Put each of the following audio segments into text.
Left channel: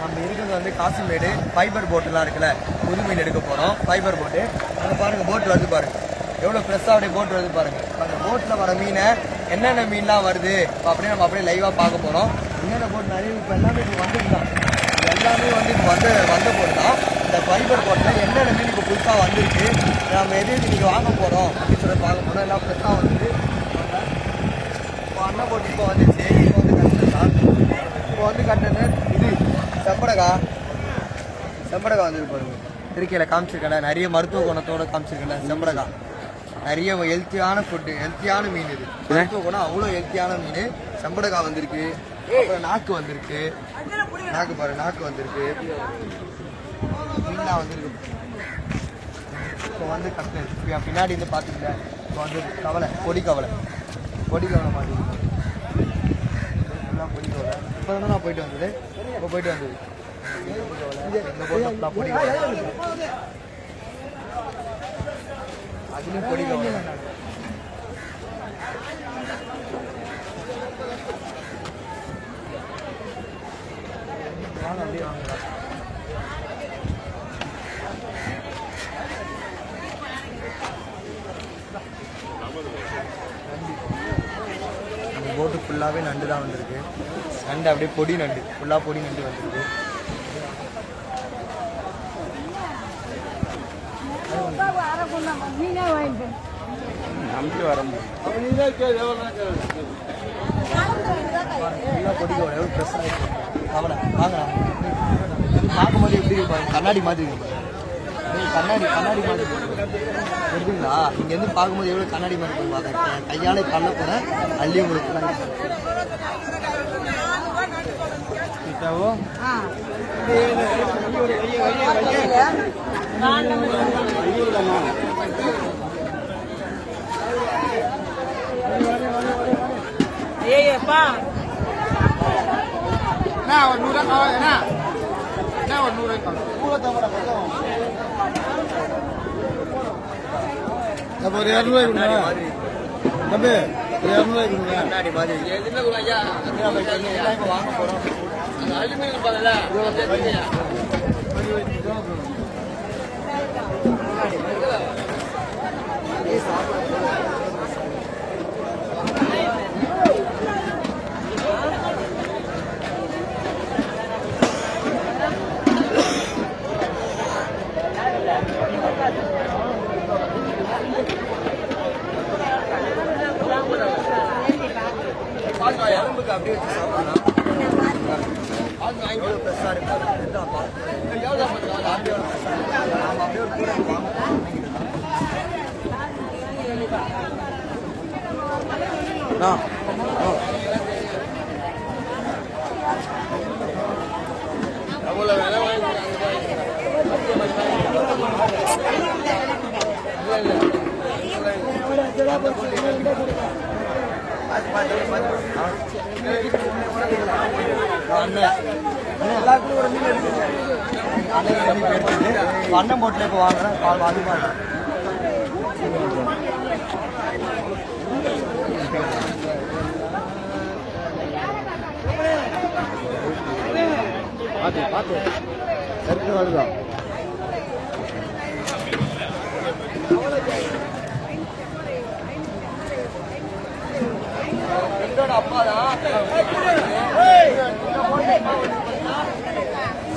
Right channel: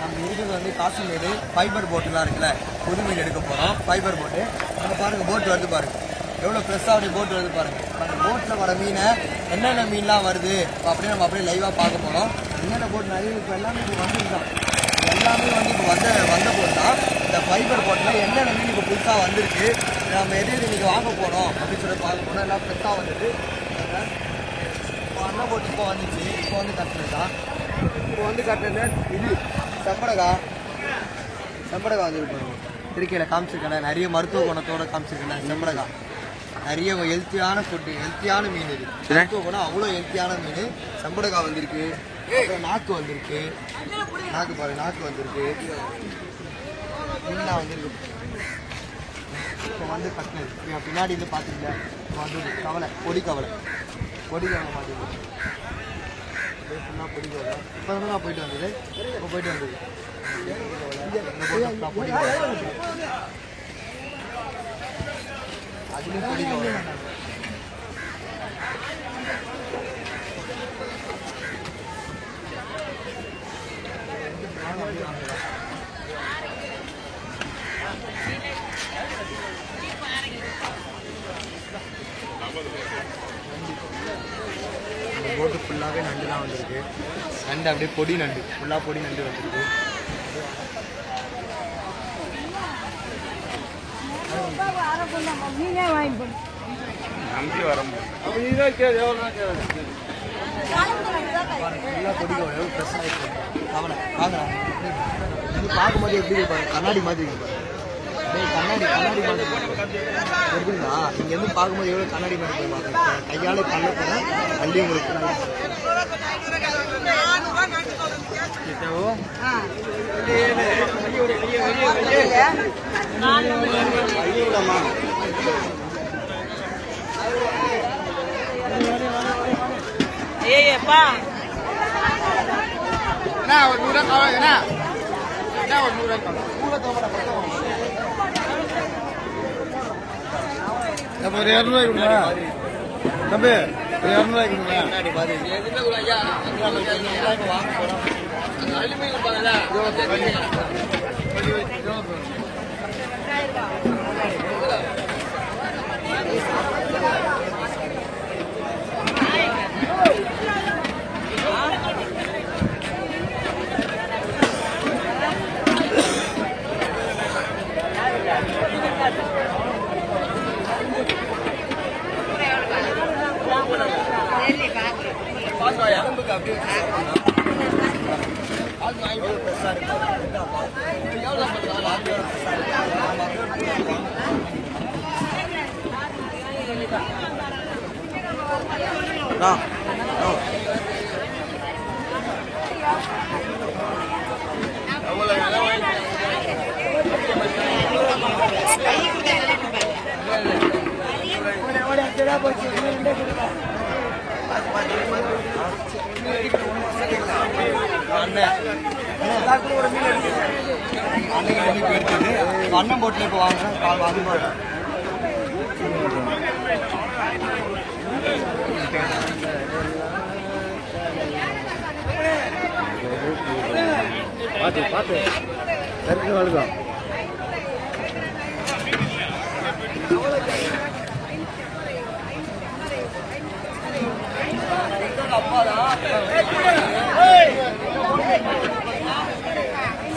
நம்ம இருக்கிறது வந்து காசிமேடு ஃபைபர் போட்டுலாம் இருக்குல்ல, புது மீன் எடுக்க போறோம். ஃபைபர் போட்டு அங்க பாருங்க, போட் வருது பாருங்க, எவ்வளவு ஃப்ரெஷ்ஷா அப்படியே போட் வருது பாருங்க. அந்த போட்ல வர மீனை என்னென்ன மீன்லாம் வருது அப்படியே நம்ம அப்படியே லைவா பார்க்க போறோம். என்னென்ன போட் நிறைய இப்போ எல்லாமே இப்போ வந்துருக்கான், எல்லாமே வந்து இப்போ வந்த போது தான் இந்த ஃபைபர் போட்ல என்னென்ன மீன் இப்போ புதுசாக வந்திருக்கு, நம்ம எது இன்னைக்கு வாங்க போறோம் அப்படின்னு சொல்லி பார்க்க போறோம். எல்லாம் ஃப்ரெஷ்ஷாக வந்துட்டு இப்போ அண்ணன் போட்டு இப்போ வந்துச்சு. இப்போ வந்து கரெக்டாக இப்போ வந்து கரெக்டாக இது செம்படகா வந்துருப்பாருங்க. திருக்கையில் காமிச்சிருக்கேன், நிறைய மருத்துவ குணத்தோட காமிச்சிருக்கேன். செம்படகா நிறைய ஹெல்த்தியான ஃபுட்டு, ஹெல்த்தியான மீன். இது மருத்துவ குணம் அவ்வளோ ஹெல்த்தியான மீன். செம்படகா வந்திருக்கு, அப்புறம் நாக்கு வந்திருக்கு, நாக்கு பாருங்க, நாக்கு வந்திருக்கு, மீனா வந்திருக்கு. இப்போ வந்து கட்லர் பின்னாடி வந்து பார்த்துருங்க. இப்போ வந்து கவலை, பொடி கவலை பார்த்துருக்கேன். பொடி கவலை இப்போ வந்து நான் போயிட்டு வந்தது. அதுவும் பொடி கவலை. அப்படியே வாங்கலாம். போட்டு ஃபுல்லாகவே நண்டு தான் வந்திருக்கு. நண்டு அப்படியே பொடி நண்டு, ஃபுல்லாக பொடி நண்டு வந்திருக்கு. ஃபுல்லாக பொடி கவலை எவ்வளோ ஃப்ரெஷ்ஷாக இருக்கு. கவலை வாங்கலாம். இது பார்க்கும்போது எப்படி இருப்பாங்க, கண்ணாடி மாதிரி இருப்பாங்க. கண்ணாடி மாதிரி இருக்குங்களா? இங்க இருந்து பார்க்கும்போது எவ்வளவு கண்ணாடி மாதிரி போய் பார்க்க, கையால தள்ள போன அள்ளி உங்களுக்கு ஒரு 200 கொடுங்க தம்பி, ஒரு 200 கொடுங்க. கண்ணாடி மாதிரி வாங்க போறோம். உடம்புக்கு அப்படியே சாப்பிடலாம். எவ்வளோ ஃப்ரெஷ்ஷாக இருக்கு. நம்ம அப்படியே ஒரு கூட அண்ணன் போட்டுல இப்போ வாங்குறேன். பால் அதிகமாக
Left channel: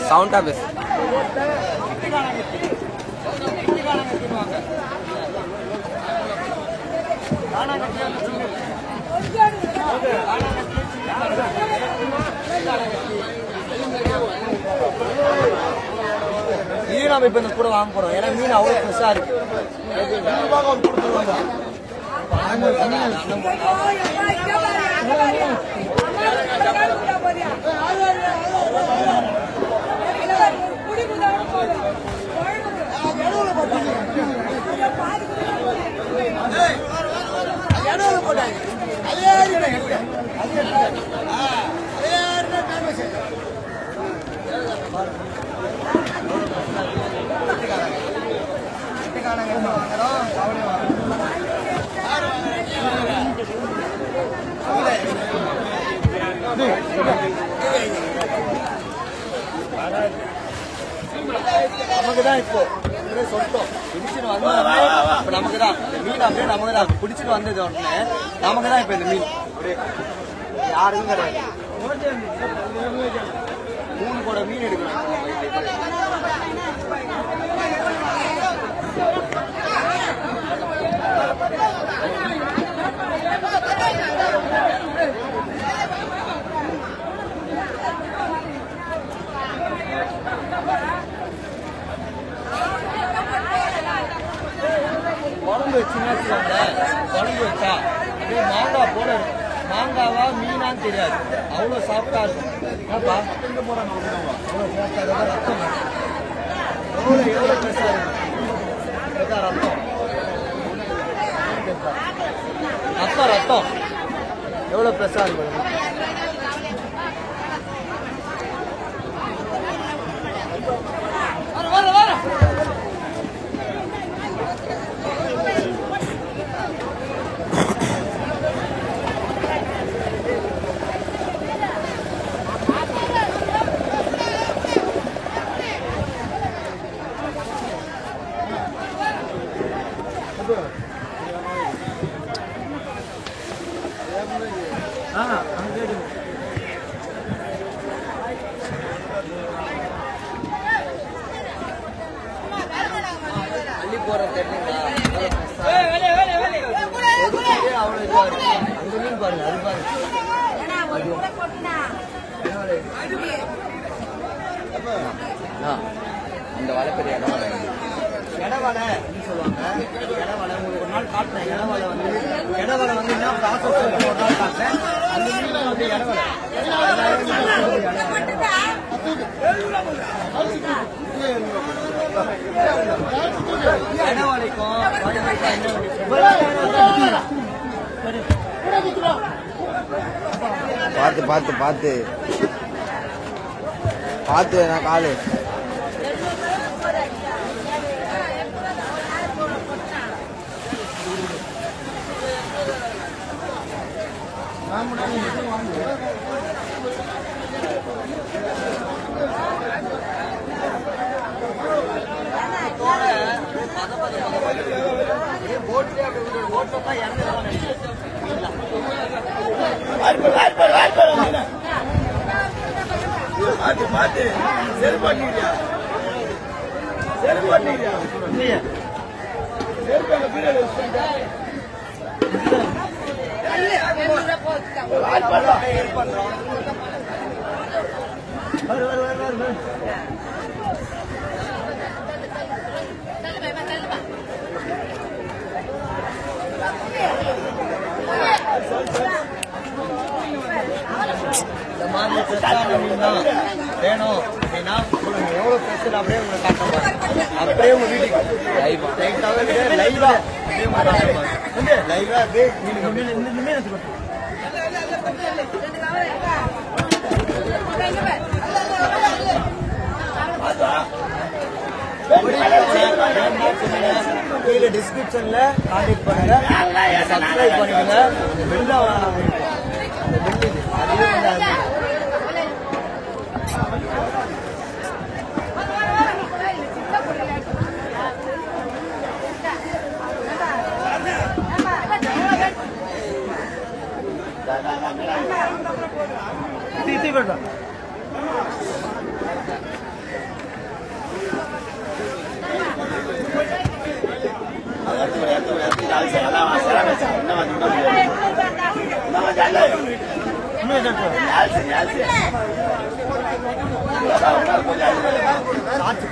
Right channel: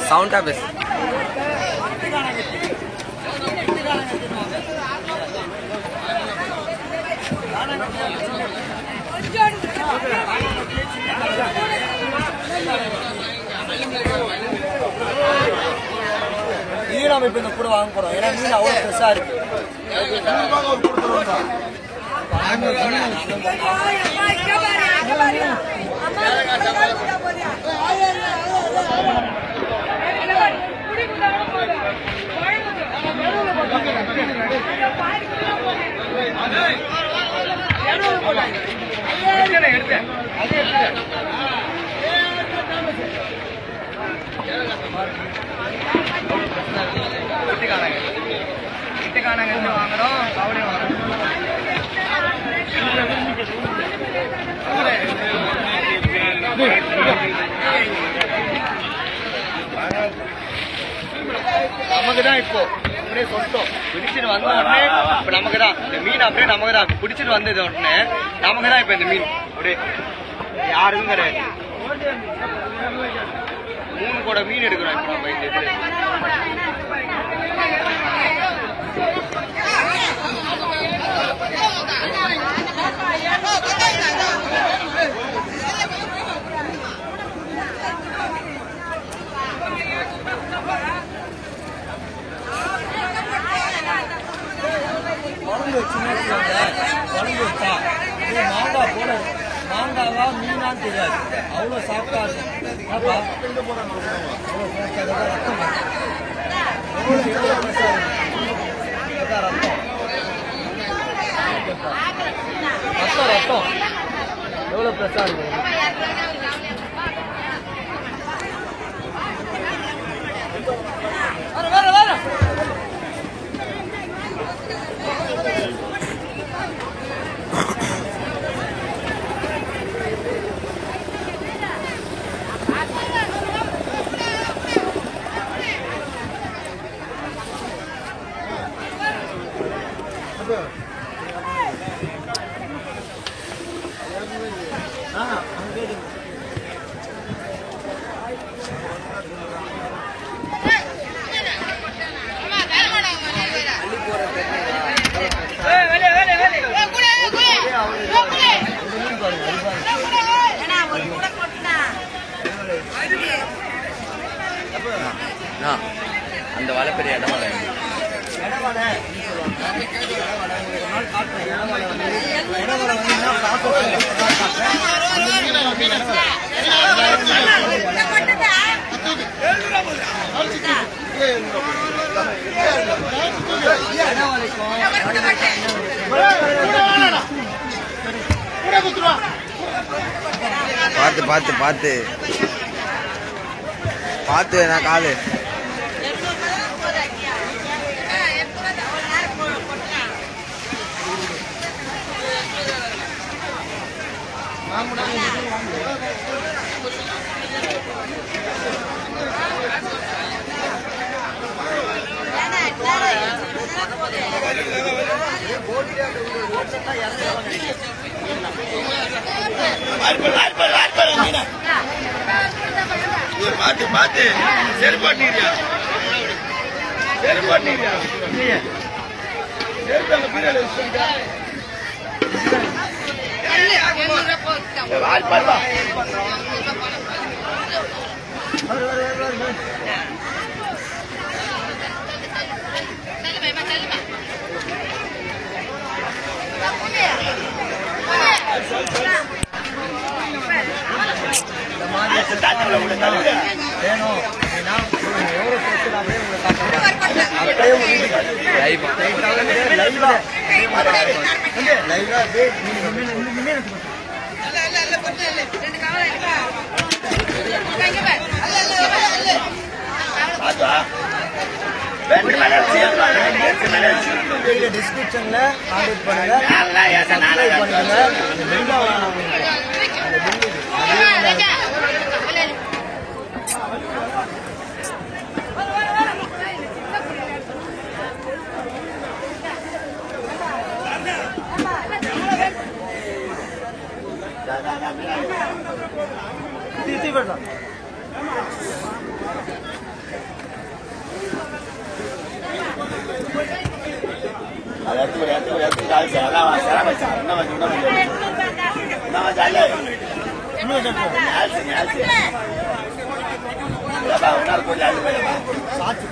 சவுண்டா பேசு. இது நம்ம இப்ப இந்த கூட வாங்க போறோம். ஏன்னா மீன் அவ்வளவு ஃப்ரெஷ்ஷா இருக்கு. வீட்டுக்கானங்க வாங்குறோம், கவலை வாங்குறோம். நமக்கு தான் இப்போ அப்படியே சொட்டோம் பிடிச்சிட்டு வந்த உடனே இப்ப நமக்கு தான் இந்த மீன் அப்படியே நமக்கு தான் பிடிச்சிட்டு வந்தது உடனே நமக்கு தான் இப்ப இந்த மீன் அப்படியே யாருக்கும் கிடையாது. 3 கூட மீன் எடுக்கிறோம் இப்ப நம்ம இந்த இதுல. குழம்பு வச்சுன்னா குழம்பு வச்சா இது மாங்காய் போல மாங்காவா மீனான்னு தெரியாது, அவ்வளோ சாஃப்டா இருக்கும். ஏப்பா அவ்வளோ ஃப்ரெஷ்ஷாக ரத்தம் எவ்வளோ ஃப்ரெஷ்ஷாக இருக்கும் ரத்தம் ரத்தம் எவ்வளோ ஃப்ரெஷ்ஷாக இருக்கும். அந்த வலை பெரிய இடவலை இடவலை சொல்லுவாங்க. இடவலை உங்களுக்கு ஒரு நாள் காட்டுறேன். இடவலை வந்து என்ன ப்ராசஸ் ஒரு நாள் காட்டுறேன். அந்த இடவலைக்கும் பார்த்து பார்த்து பார்த்து பார்த்து நான் காலு பார்த்து சரி பண்ணிடுறியா சரி பண்ணிடுறியா சரி அங்க பீரியட் இந்த மாதிரி வேணும் அப்படின்னா எவ்வளோ பேசுறது அப்படியே உங்களை காட்டுறாங்க. அப்படியே உங்க வீட்டுக்கு லைவா டிஸ்கிரிப்ஷன்ல கான்டாக்ட் பண்ணுங்க, சப்ஸ்கிரைப் பண்ணுங்க. சாட்சி